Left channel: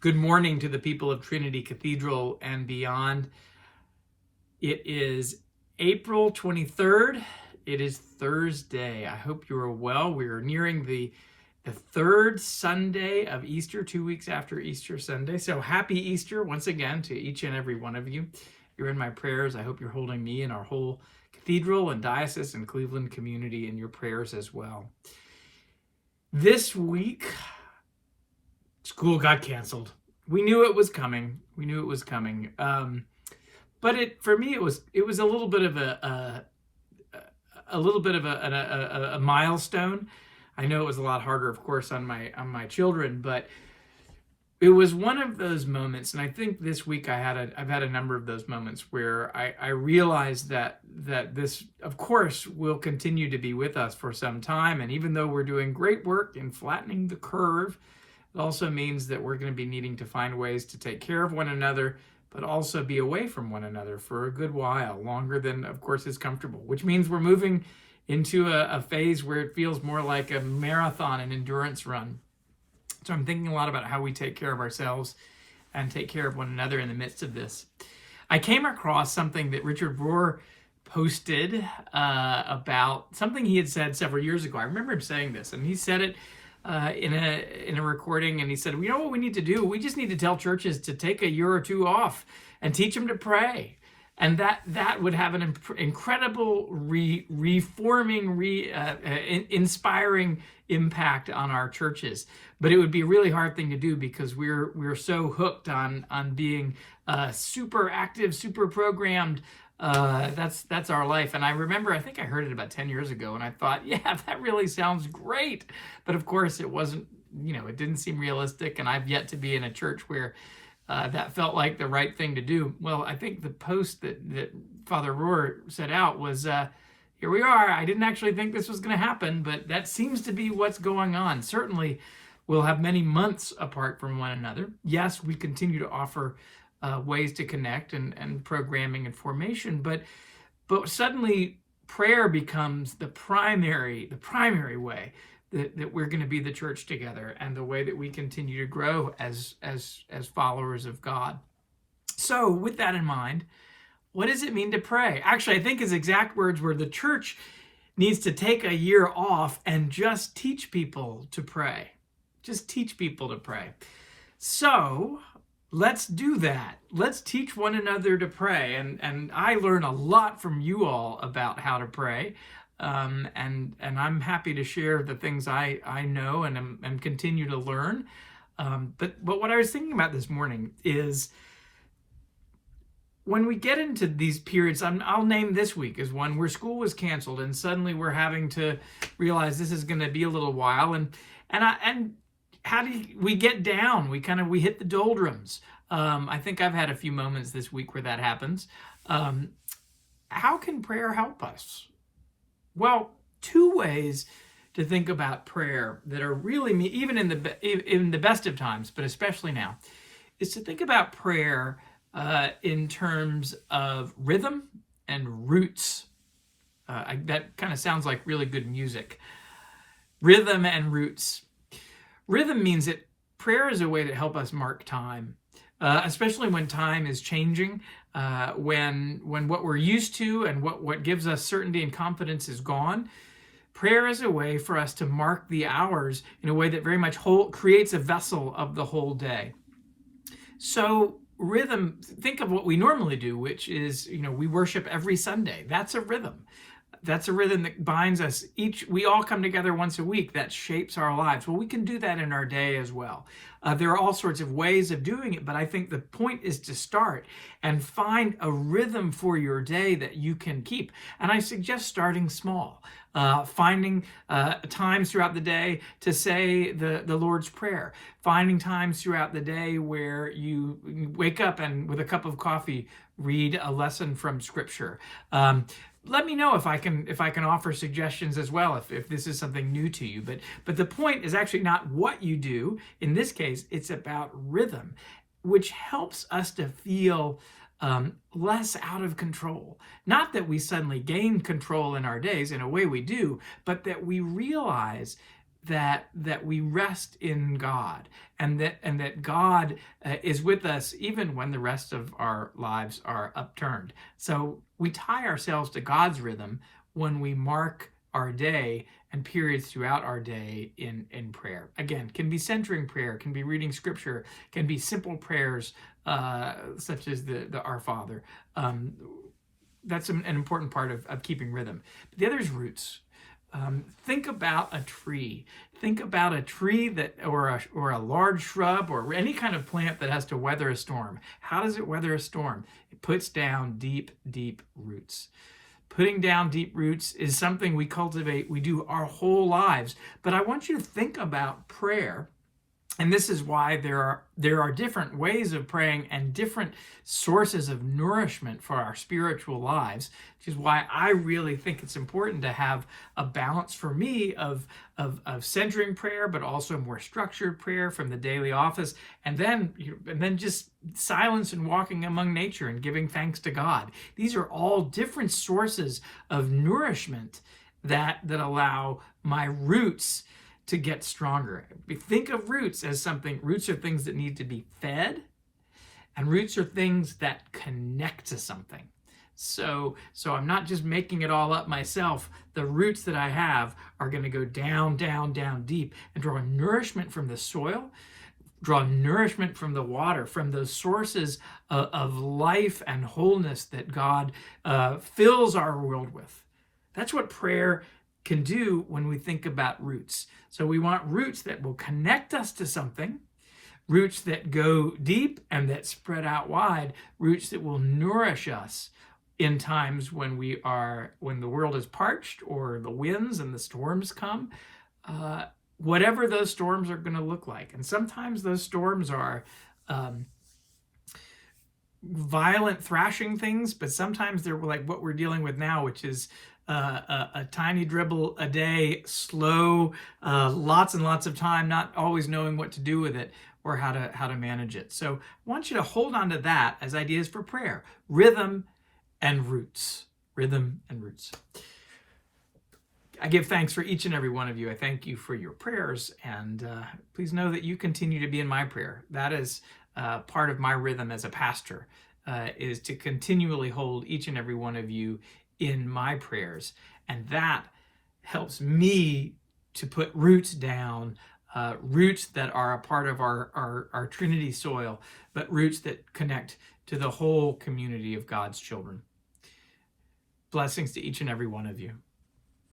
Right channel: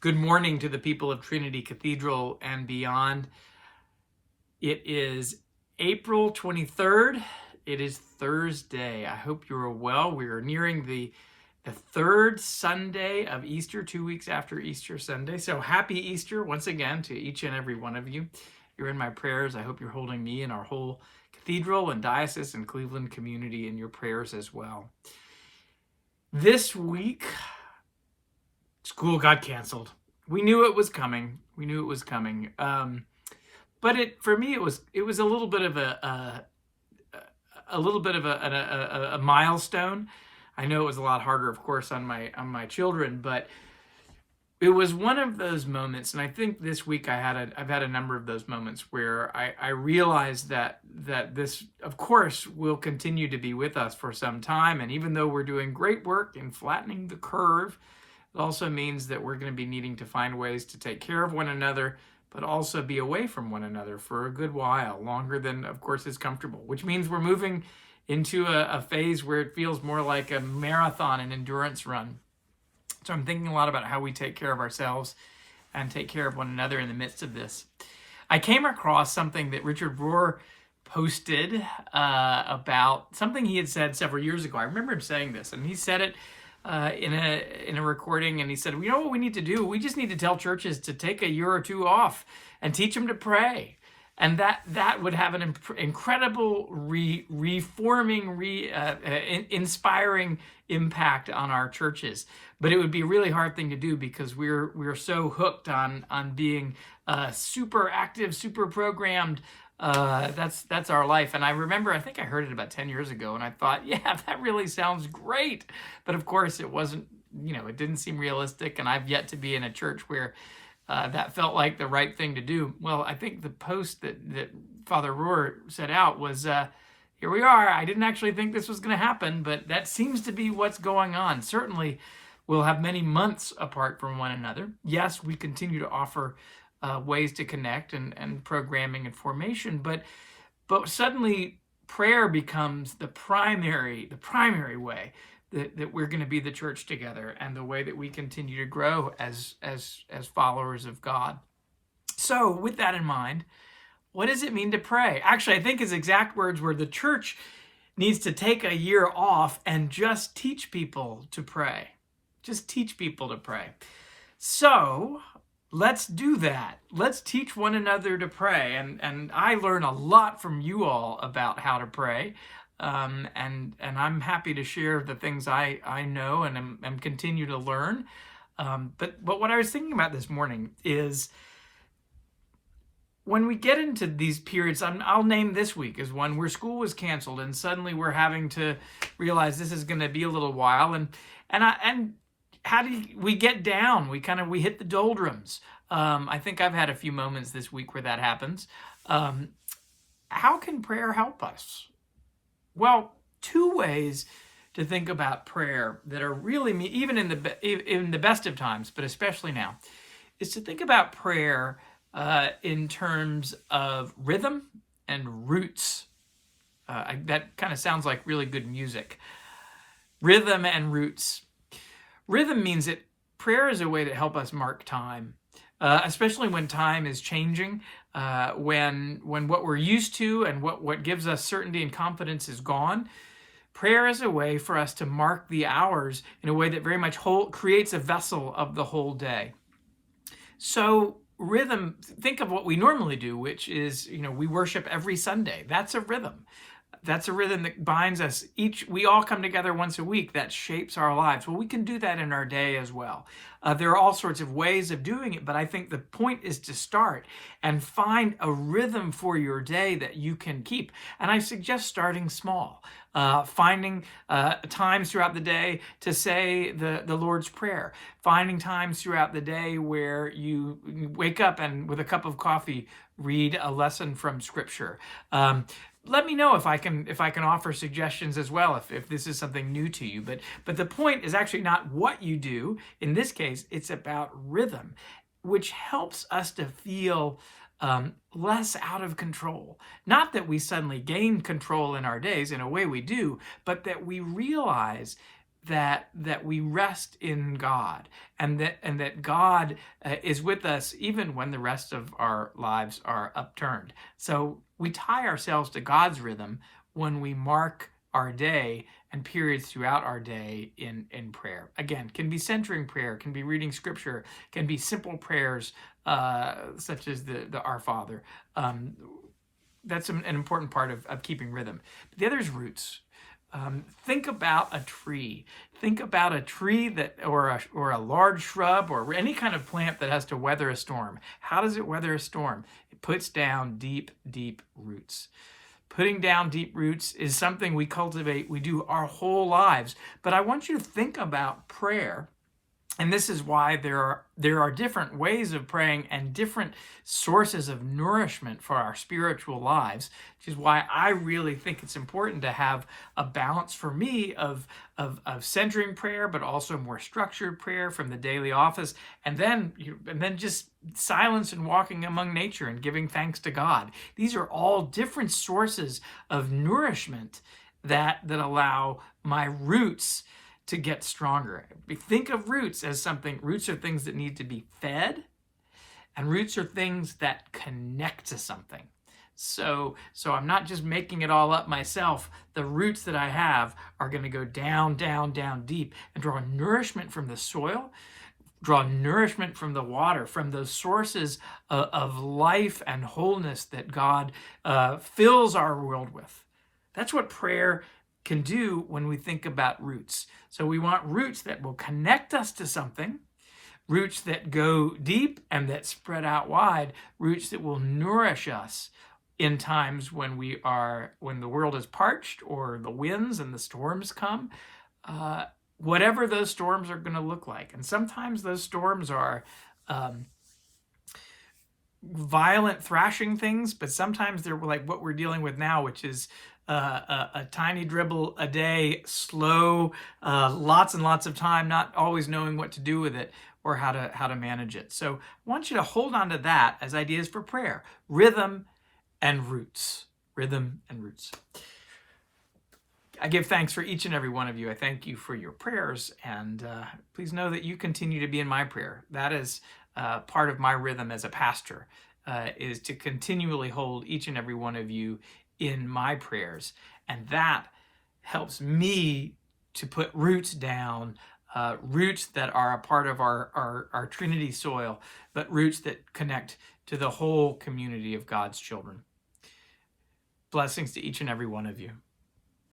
Good morning to the people of Trinity Cathedral and beyond. It is April 23rd. It is Thursday. I hope you are well. We are nearing the third Sunday of Easter, 2 weeks after Easter Sunday. So happy Easter once again to each and every one of you. You're in my prayers. I hope you're holding me and our whole cathedral and diocese and Cleveland community in your prayers as well. This week, school got canceled. We knew it was coming. But for me, it was a little bit of a milestone. I know it was a lot harder, of course, on my children, but it was one of those moments. And I think this week I've had a number of those moments where I realized that this, of course, will continue to be with us for some time. And even though we're doing great work in flattening the curve, it also means that we're going to be needing to find ways to take care of one another, but also be away from one another for a good while, longer than, of course, is comfortable, which means we're moving into a phase where it feels more like a marathon, an endurance run. So I'm thinking a lot about how we take care of ourselves and take care of one another in the midst of this. I came across something that Richard Rohr posted about something he had said several years ago. I remember him saying this, and he said it in a recording, and he said, you know what we need to do? We just need to tell churches to take a year or two off and teach them to pray. And that would have an incredible reforming, inspiring impact on our churches. But it would be a really hard thing to do because we're so hooked on being super active, super programmed. That's our life. And I remember, I think I heard it about 10 years ago, and I thought, yeah, that really sounds great. But of course, it wasn't, it didn't seem realistic. And I've yet to be in a church where that felt like the right thing to do. Well, I think the post that Father Rohr set out was, here we are. I didn't actually think this was going to happen, but that seems to be what's going on. Certainly, we'll have many months apart from one another. Yes, we continue to offer ways to connect and programming and formation, but suddenly prayer becomes the primary way that we're going to be the church together, and the way that we continue to grow as followers of God. So with that in mind, what does it mean to pray? Actually, I think his exact words were, the church needs to take a year off and just teach people to pray. Just teach people to pray. So let's do that. Let's teach one another to pray. And I learn a lot from you all about how to pray. And I'm happy to share the things I know and continue to learn. But what I was thinking about this morning is, when we get into these periods, I'll name this week as one where school was canceled, and suddenly we're having to realize this is going to be a little while. And how do we get down? We hit the doldrums. I think I've had a few moments this week where that happens. How can prayer help us? Well, two ways to think about prayer that are really, even in the best of times, but especially now, is to think about prayer in terms of rhythm and roots. That kind of sounds like really good music. Rhythm and roots. Rhythm means that prayer is a way to help us mark time, especially when time is changing, when what we're used to and what gives us certainty and confidence is gone. Prayer is a way for us to mark the hours in a way that very much creates a vessel of the whole day. So rhythm, think of what we normally do, which is, we worship every Sunday. That's a rhythm. That's a rhythm that binds us. We all come together once a week. That shapes our lives. Well, we can do that in our day as well. There are all sorts of ways of doing it, but I think the point is to start and find a rhythm for your day that you can keep. And I suggest starting small, finding times throughout the day to say the Lord's Prayer, finding times throughout the day where you wake up and with a cup of coffee read a lesson from Scripture. Let me know if I can offer suggestions as well, if this is something new to you. But the point is actually not what you do. In this case, it's about rhythm, which helps us to feel less out of control. Not that we suddenly gain control in our days, in a way we do, but that we realize that we rest in God, and that God is with us even when the rest of our lives are upturned. So we tie ourselves to God's rhythm when we mark our day and periods throughout our day in prayer. Again, can be centering prayer, can be reading scripture, can be simple prayers such as the Our Father. That's an important part of keeping rhythm. But the other is roots. Think about a tree. Think about a tree that, or a large shrub, or any kind of plant that has to weather a storm. How does it weather a storm? It puts down deep, deep roots. Putting down deep roots is something we cultivate, we do our whole lives. But I want you to think about prayer. And this is why there are different ways of praying and different sources of nourishment for our spiritual lives, which is why I really think it's important to have a balance for me of centering prayer, but also more structured prayer from the daily office, and then just silence and walking among nature and giving thanks to God. These are all different sources of nourishment that allow my roots to get stronger. We think of roots as roots are things that need to be fed, and roots are things that connect to something. So I'm not just making it all up myself. The roots that I have are going to go down, down, down deep and draw nourishment from the soil, draw nourishment from the water, from those sources of life and wholeness that God fills our world with. That's what prayer can do when we think about roots. So we want roots that will connect us to something, roots that go deep and that spread out wide, roots that will nourish us in times when the world is parched or the winds and the storms come, whatever those storms are going to look like. And sometimes those storms are violent thrashing things, but sometimes they're like what we're dealing with now, which is a tiny dribble a day, slow, lots and lots of time, not always knowing what to do with it or how to manage it. So I want you to hold on to that as ideas for prayer. Rhythm and roots. Rhythm and roots. I give thanks for each and every one of you. I thank you for your prayers, and please know that you continue to be in my prayer. That is part of my rhythm as a pastor, is to continually hold each and every one of you in my prayers. And that helps me to put roots down, roots that are a part of our Trinity soil, but roots that connect to the whole community of God's children. Blessings to each and every one of you.